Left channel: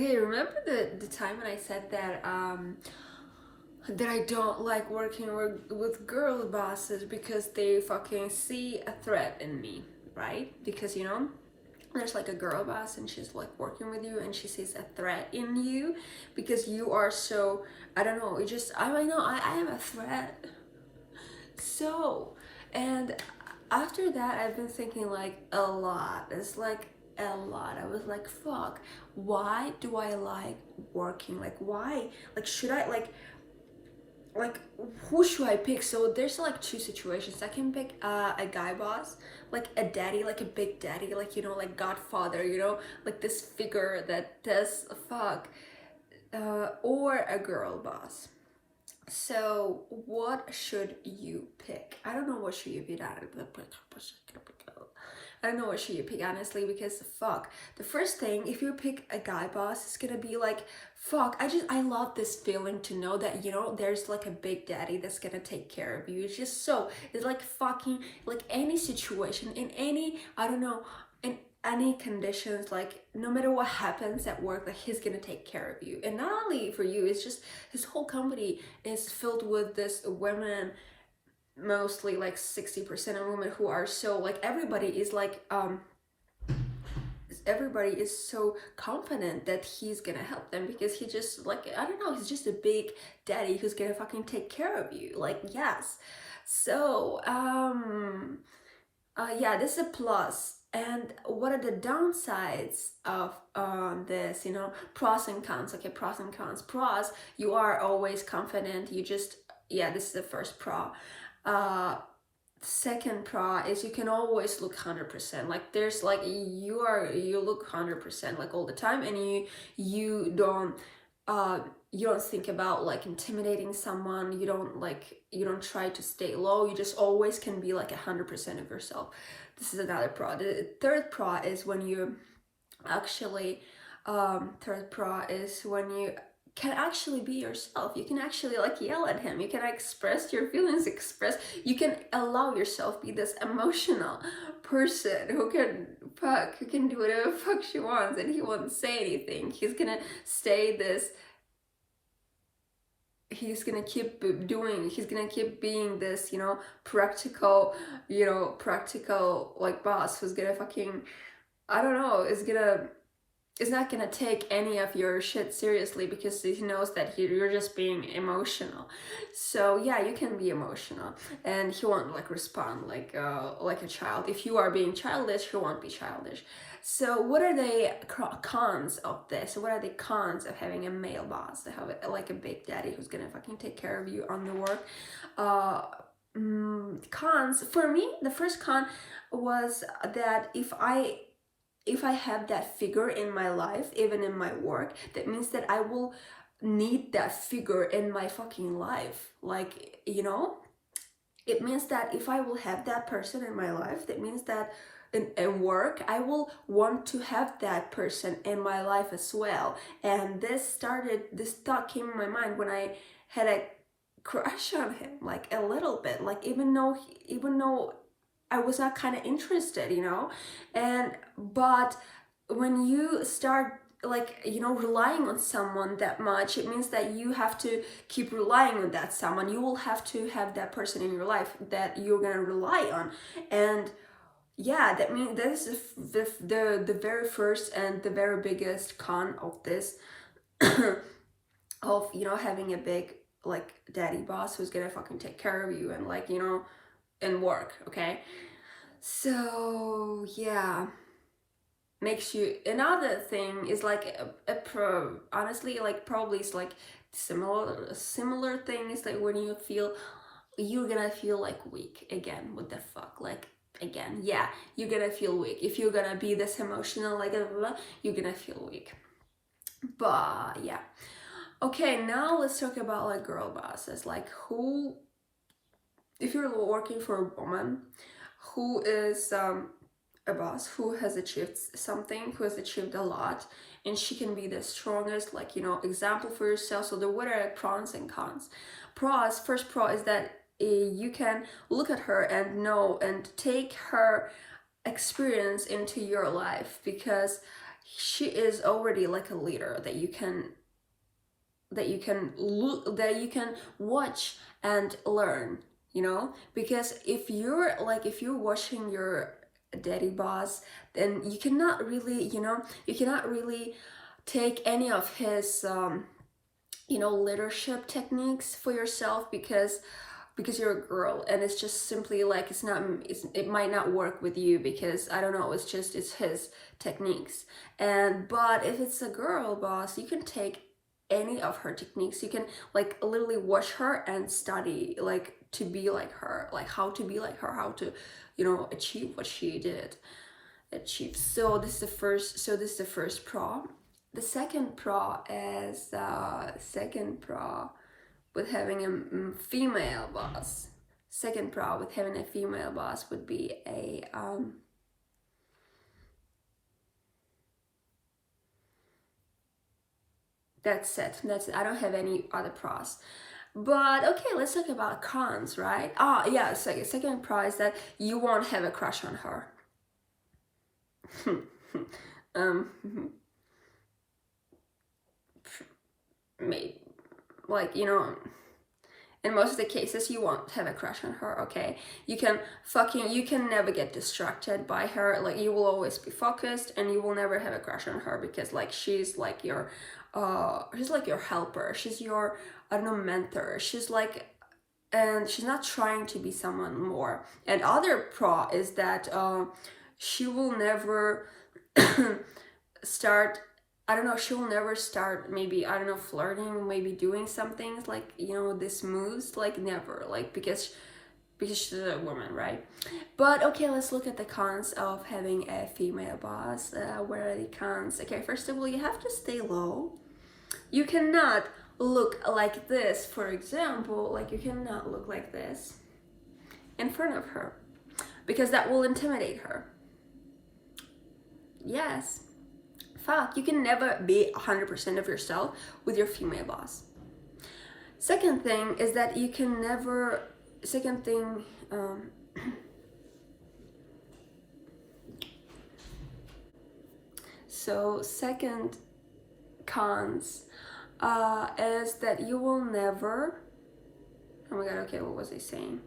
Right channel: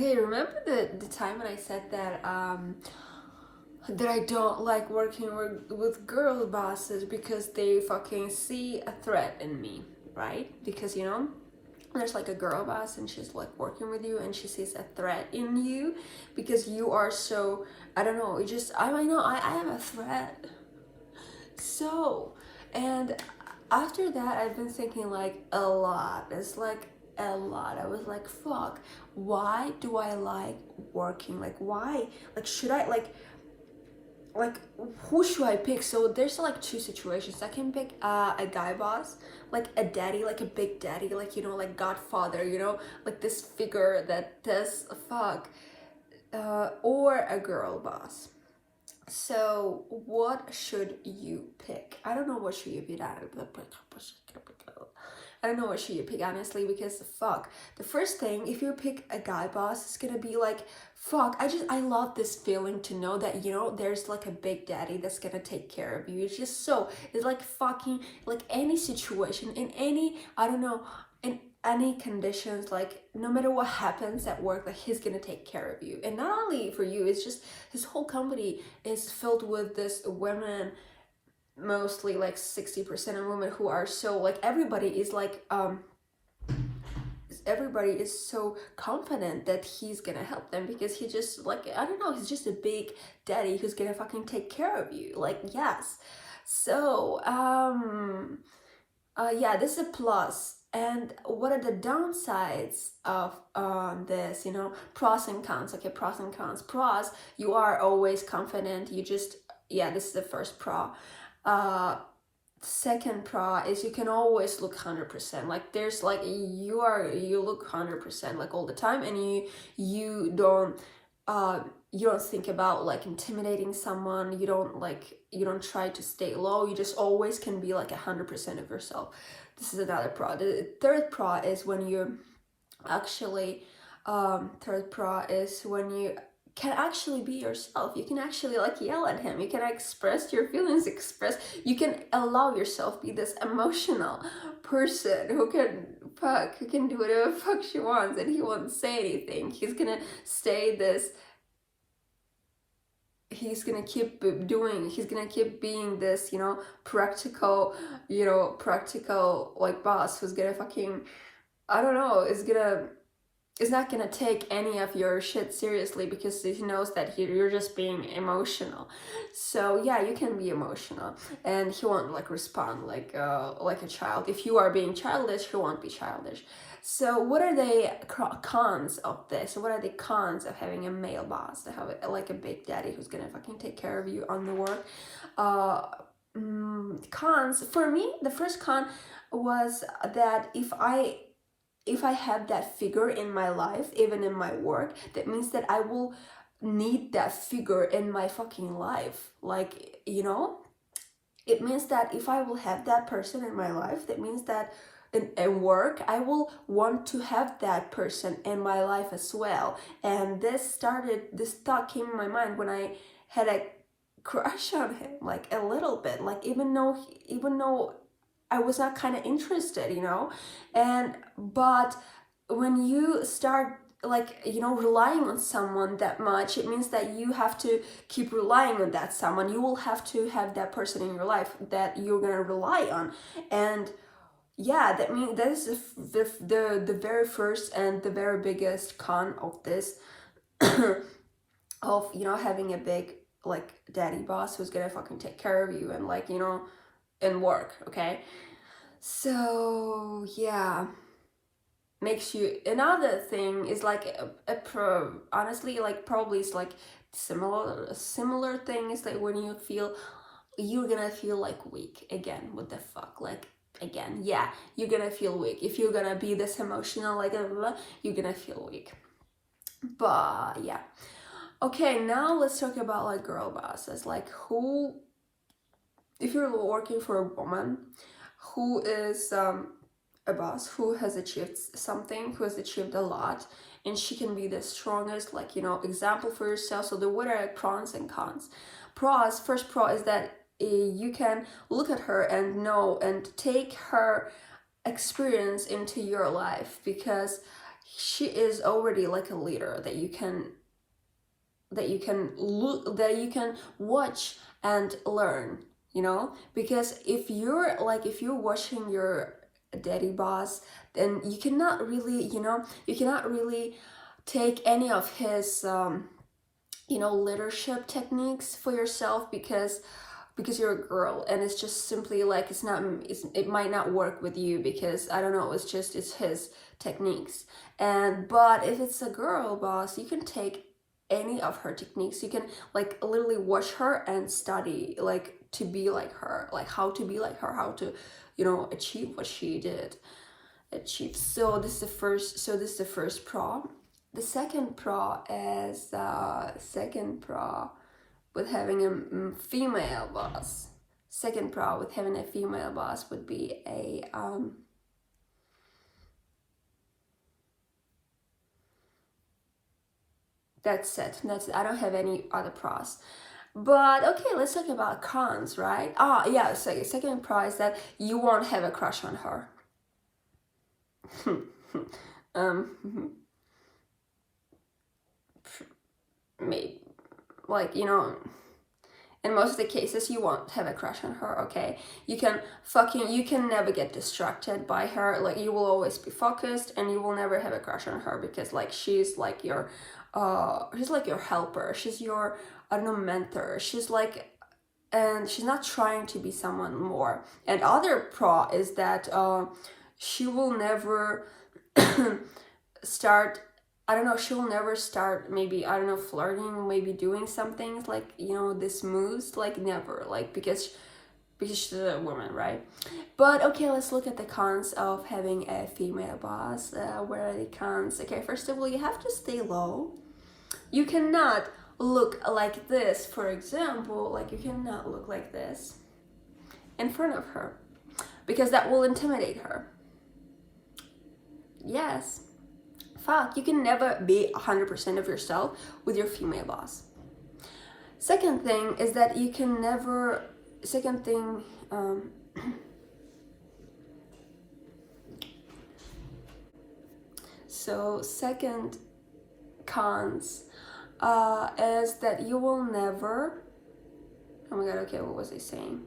Hey, remember the time when I said that that I don't like working with girl bosses because they fucking see a threat in me, right? Because there's like a girl boss and she's like working with you and she sees a threat in you because you are so, I don't know, I know I am a threat. So, and after that, I've been thinking like a lot. It's like a lot. I was like, fuck, why do I like working? Like, why? Like, should I, like, who should I pick? So there's like two situations. I can pick a guy boss, like a daddy, like a big daddy, like, like Godfather, like this figure that does fuck, or a girl boss. So what should you pick? I don't know what should you pick. I don't know what should you pick, honestly, because fuck. The first thing, if you pick a guy boss, it's gonna be like, fuck, I love this feeling to know that, there's like a big daddy that's gonna take care of you. It's just so, it's like fucking, like any situation, in any, I don't know, in any conditions, like no matter what happens at work, like he's gonna take care of you. And not only for you, it's just his whole company is filled with this women, mostly like 60% of women who are so like, everybody is like everybody is so confident that he's gonna help them because he just, like, I don't know, he's just a big daddy who's gonna fucking take care of you. Like, yes. So yeah, this is a plus. And what are the downsides of this, pros and cons? Okay, pros and cons. Pros, you are always confident. You just, yeah, this is the first pro. Second pro is you can always look 100%. Like, there's like, you look 100% like all the time, and you don't think about like intimidating someone. You don't try to stay low. You just always can be like 100% of yourself. This is another pro. The third pro is when you actually third pro is when you can actually be yourself. You can actually like yell at him. You can express your feelings, you can allow yourself be this emotional person who can do whatever fuck she wants, and he won't say anything. He's gonna stay this, he's gonna keep being this, practical, like boss who's gonna fucking, I don't know, is not gonna take any of your shit seriously because he knows that you're just being emotional. So yeah, you can be emotional, and he won't like respond like a child. If you are being childish, he won't be childish. So what are the cons of this? What are the cons of having a male boss, to have like a big daddy who's gonna fucking take care of you on the work? Cons for me, the first con was that if I have that figure in my life, even in my work, that means that I will need that figure in my fucking life. Like, it means that if I will have that person in my life, that means that in work, I will want to have that person in my life as well. And this thought came in my mind when I had a crush on him, like a little bit, like even though I was not kind of interested, but when you start like, relying on someone that much, it means that you have to keep relying on that someone. You will have to have that person in your life that you're gonna rely on. And yeah, that means that is the very first and the very biggest con of this of having a big like daddy boss who's gonna fucking take care of you and like and work. Okay, so yeah, makes you, another thing is like a pro, honestly, like probably it's like similar thing is like when you're gonna feel like weak again. What the fuck, like again, yeah, you're gonna feel weak if you're gonna be this emotional, like blah, blah, blah, you're gonna feel weak. But yeah, okay, now let's talk about like girl bosses. Like, who, if you're working for a woman who is a boss who has achieved something, who has achieved a lot, and she can be the strongest, like, example for yourself. So what are pros and cons? Pros, first pro is that you can look at her and know and take her experience into your life, because she is already like a leader that you can look, that you can watch and learn, you know. Because if you're watching your daddy boss, then you cannot really, you know, you cannot really take any of his you know, leadership techniques for yourself, because you're a girl, and it's just simply like it might not work with you, because I don't know, it's his techniques. But if it's a girl boss, you can take any of her techniques. You can like literally watch her and study, like to be like her, like how to be like her, how to, you know, achieve what she did achieve. So this is the first pro. The second pro is with having a female boss. Second pro with having a female boss would be a that's it. I don't have any other pros. But okay, let's talk about cons, right? Yeah, so second pro is that you won't have a crush on her. Maybe, like, you know, in most of the cases you won't have a crush on her, okay? You can never get distracted by her. Like, you will always be focused, and you will never have a crush on her, because like she's like your helper. She's your, I don't know, mentor. She's like, and she's not trying to be someone more. And other pro is that she will never start, I don't know, she will never start, maybe, I don't know, flirting, maybe doing some things like, you know, this moves, like never, like, because she's a woman, right? But okay, let's look at the cons of having a female boss. Where are the cons? Okay, first of all, you have to stay low. You cannot look like this, for example, like you cannot look like this in front of her, because that will intimidate her. Yes. Fuck, you can never be 100% of yourself with your female boss. Second thing is that you can never, so second cons is that you will never, oh my god, okay, what was I saying?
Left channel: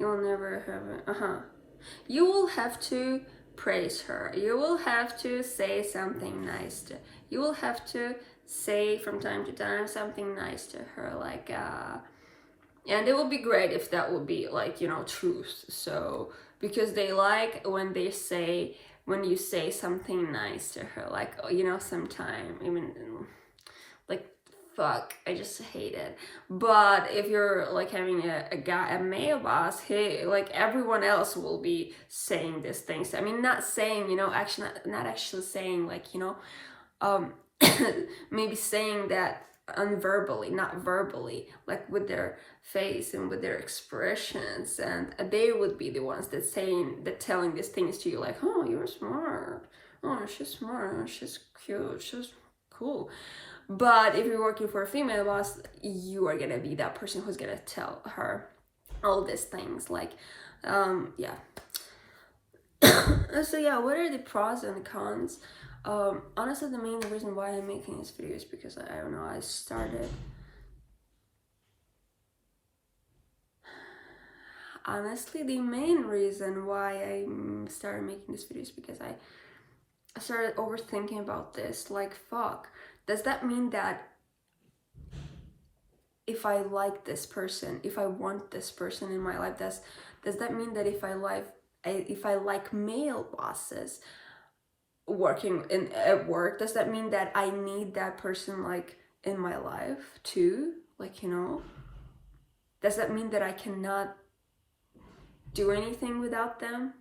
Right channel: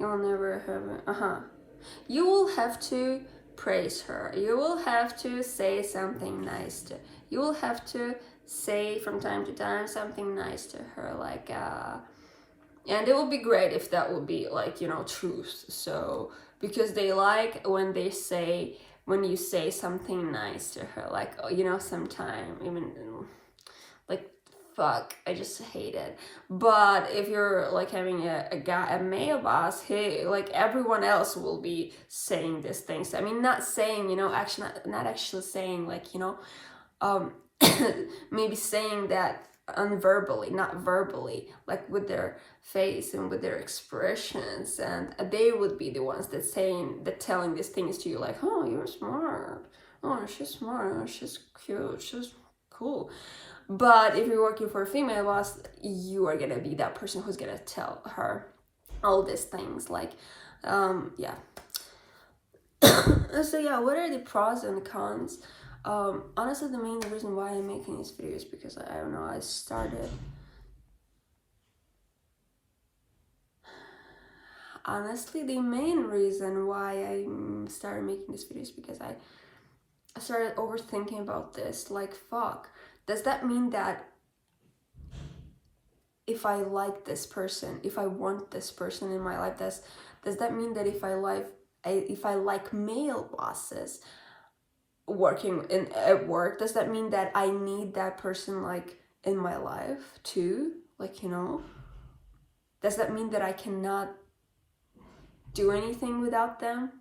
You will never have, you will have to praise her. You will have to say something nice to, you will have to say from time to time something nice to her, like and it would be great if that would be like, you know, truth. So because they like when you say something nice to her, like, you know, sometime, even like, fuck, I just hate it. But if you're like having a male boss, he, like, everyone else will be saying these things. I mean, not saying, you know, actually not actually saying, like, you know, maybe saying that unverbally, not verbally, like with their face and with their expressions, and they would be the ones that telling these things to you, like, oh, you're smart, oh, she's smart, oh, she's cute, she's cool. But if you're working for a female boss, you are gonna be that person who's gonna tell her all these things, like, yeah. So yeah, what are the pros and cons? Honestly, the main reason why I'm making this video is because I don't know, I started, honestly, the main reason why I started making this video is because I started overthinking about this, like, fuck, does that mean that if I like this person, if I want this person in my life, does that mean that if I like male bosses working at work, does that mean that I need that person, like, in my life too? Like, you know, does that mean that I cannot do anything without them?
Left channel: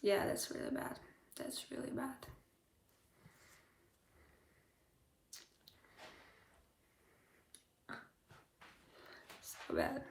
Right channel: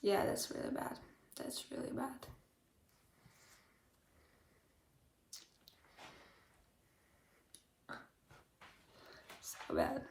Yeah, that's really bad. That's really bad. So bad.